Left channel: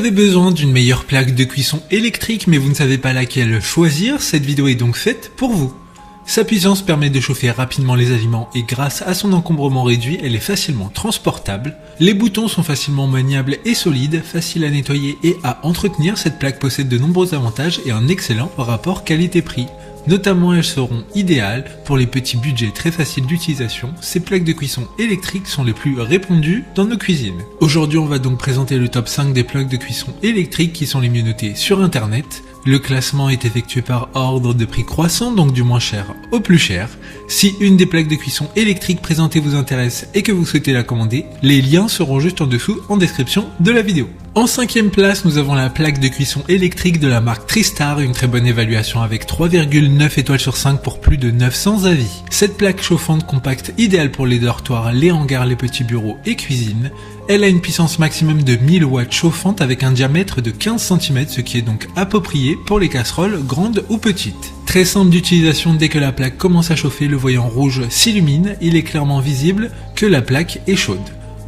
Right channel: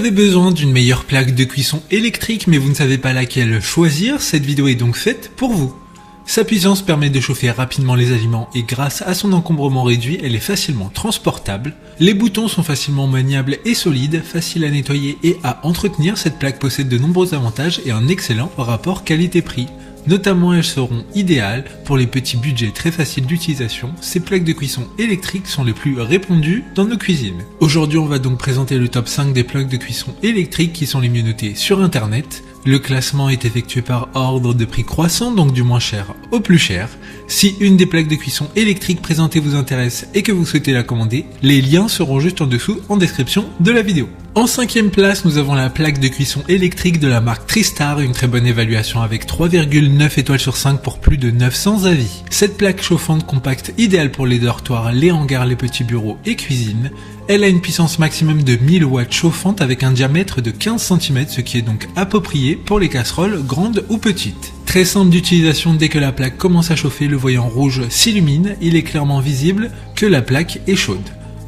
avez besoin d'une meilleure plaque de cuisson électrique mais vous ne savez pas laquelle choisir, cette vidéo est donc faite pour vous. Sa puissance permet de chauffer rapidement les aliments et grâce à son encombrement réduit, elle est facilement transportable. Les boutons sont facilement maniables et solides, faciles à nettoyer et à entretenir. Cette plaque possède de nombreux avantages et un excellent rapport qualité-prix. Notamment, elles seront idéales pour les petits budgets très faciles d'utilisation. Ces plaques de cuisson électriques sont les plus répandues dans nos cuisines. Aujourd'hui, on va donc présenter le top 5 des plaques de cuisson électriques qui sont les mieux notées sur internet. Le classement est effectué par ordre de prix croissant, donc du moins cher au plus cher. Si une des plaques de cuisson électriques présentées vous intéresse et que vous souhaitez la commander, les liens seront juste en dessous en description de la vidéo. En 5e place, nous avons la plaque de cuisson électrique de la marque Tristar, une très bonne évaluation avec 3,9 étoiles sur 5 pour plus de 900 avis. Cette plaque chauffante compacte idéale pour les dortoirs, les hangars, les petits bureaux et cuisines. Elle a une puissance maximum de 1000 watts chauffante avec un diamètre de 15 cm, ce qui est donc approprié pour les casseroles grandes ou petites. Très simple d'utilisation, dès que la plaque commence à chauffer, le voyant rouge s'illumine, il est clairement visible que la plaque est chaude.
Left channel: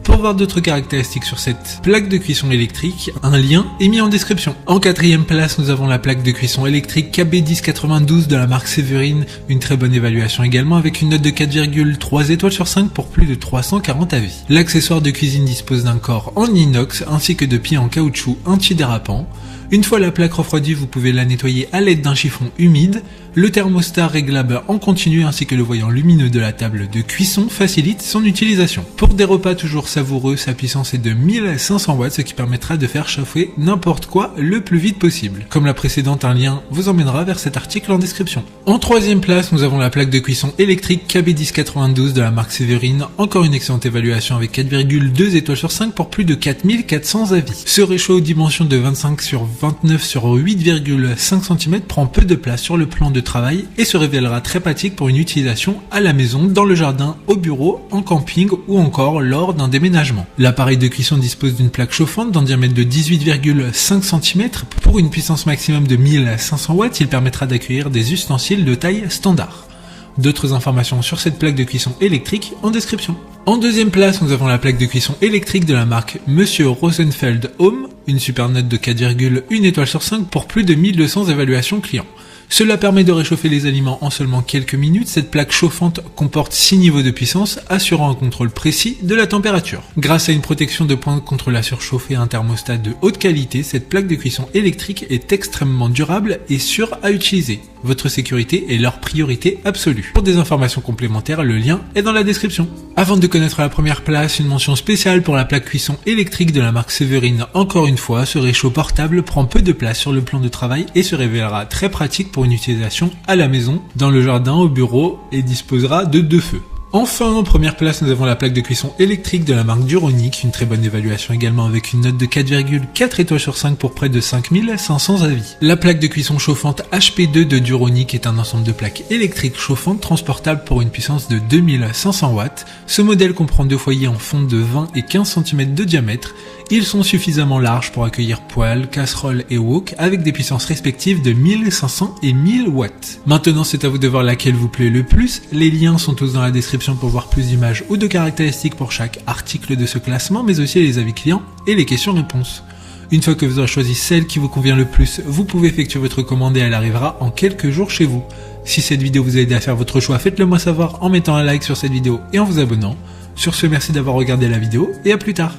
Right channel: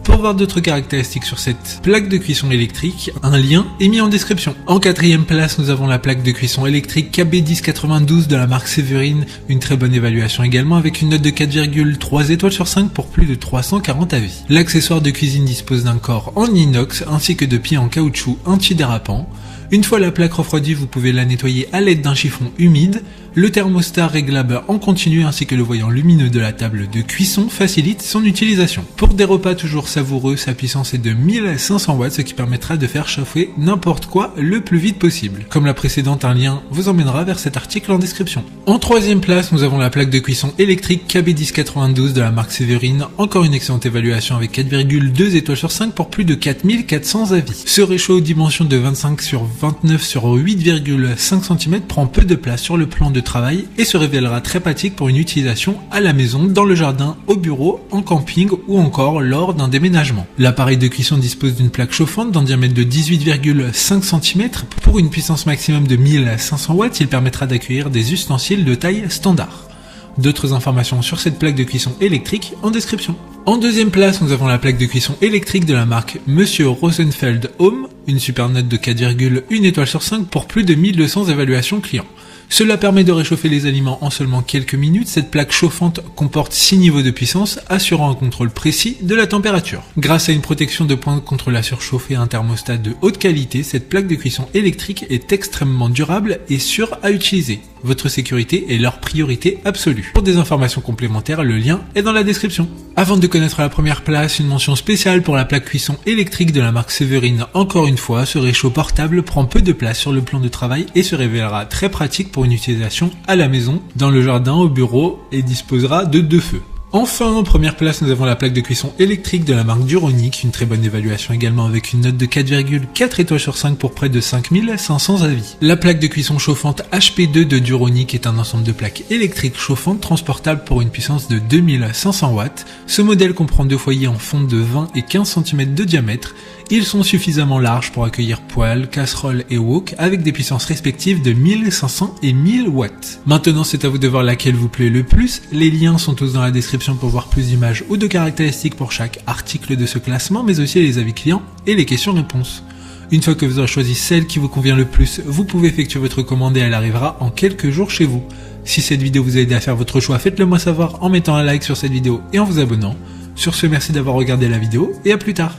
Pour voir d'autres caractéristiques sur cette plaque de cuisson électrique, un lien est mis en description. En 4e place, nous avons la plaque de cuisson électrique KB1092 de la marque Séverine, une très bonne évaluation également avec une note de 4,3 étoiles sur 5 pour plus de 340 avis. L'accessoire de cuisine dispose d'un corps en inox ainsi que de pieds en caoutchouc antidérapants. Une fois la plaque refroidie, vous pouvez la nettoyer à l'aide d'un chiffon humide. Le thermostat réglable en continu ainsi que le voyant lumineux de la table de cuisson facilitent son utilisation. Pour des repas toujours savoureux, sa puissance est de 1500 watts, ce qui permettra de faire chauffer n'importe quoi le plus vite possible. Comme la précédente, un lien vous emmènera vers cet article en description. En 3e place, nous avons la plaque de cuisson électrique KB1092 de la marque Séverine. Encore une excellente évaluation avec 4,2 étoiles sur 5 pour plus de 4400 avis. Ce réchaud dimension de 25 sur 29 sur 8,5 cm prend peu de place sur le plan de travail et se révélera très pratique pour une utilisation à la maison, dans le jardin, au bureau, en camping ou encore lors d'un déménagement. L'appareil de cuisson dispose d'une plaque chauffante d'un diamètre de 18,5 cm. Pour une puissance maximum de 1500 watts, il permettra d'accueillir des ustensiles de taille standard. D'autres informations sur cette plaque de cuisson électrique en description. En 2e place, nous avons la plaque de cuisson électrique de la marque Monsieur Rosenfeld Home. Une super note de 4,1 étoiles sur 5 pour plus de 1200 évaluations clients. Cela permet de réchauffer les aliments en seulement quelques minutes. Cette plaque chauffante comporte 6 niveaux de puissance, assurant un contrôle précis de la température. Grâce à une protection de pointe contre la surchauffe et un thermostat de haute qualité, cette plaque de cuisson électrique est extrêmement durable et sûre à utiliser. Votre sécurité est leur priorité absolue. Pour des informations complémentaires, le lien est dans la description. Avant de connaître la première place, une mention spéciale pour la plaque cuisson électrique de la marque Séverine. Encore une fois, ce réchaud portable prend peu de place sur le plan de travail et se révélera très pratique pour une utilisation à la maison, dans le jardin, au bureau et disposera de 2 feux. Enfin, en première place, nous avons la plaque de cuisson électrique de la marque Duronic, une très bonne évaluation également avec une note de 4,4 étoiles sur 5 pour près de 5500 avis. La plaque de cuisson chauffante HP2 de Duronic est un ensemble de plaques électriques chauffantes transportables pour une puissance de 2500 watts. Ce modèle comprend 2 foyers en fonte de 20 et 15 cm de diamètre. Ils sont suffisamment larges pour accueillir poêles, casseroles et wok avec des puissances respectives de 1500 et 1000 watts. Maintenant, c'est à vous de voir laquelle vous plaît le plus. Les liens sont tous dans la description pour voir plus d'images ou de caractéristiques pour chaque article de ce classement, mais aussi les avis clients et les questions-réponses. Une fois que vous avez choisi celle qui vous convient le plus, vous pouvez effectuer votre commande et elle arrivera en quelques jours chez vous. Si cette vidéo vous a aidé à faire votre choix, faites-le moi savoir en mettant un like sur cette vidéo et en vous abonnant. Sur ce, merci d'avoir regardé la vidéo et à plus tard.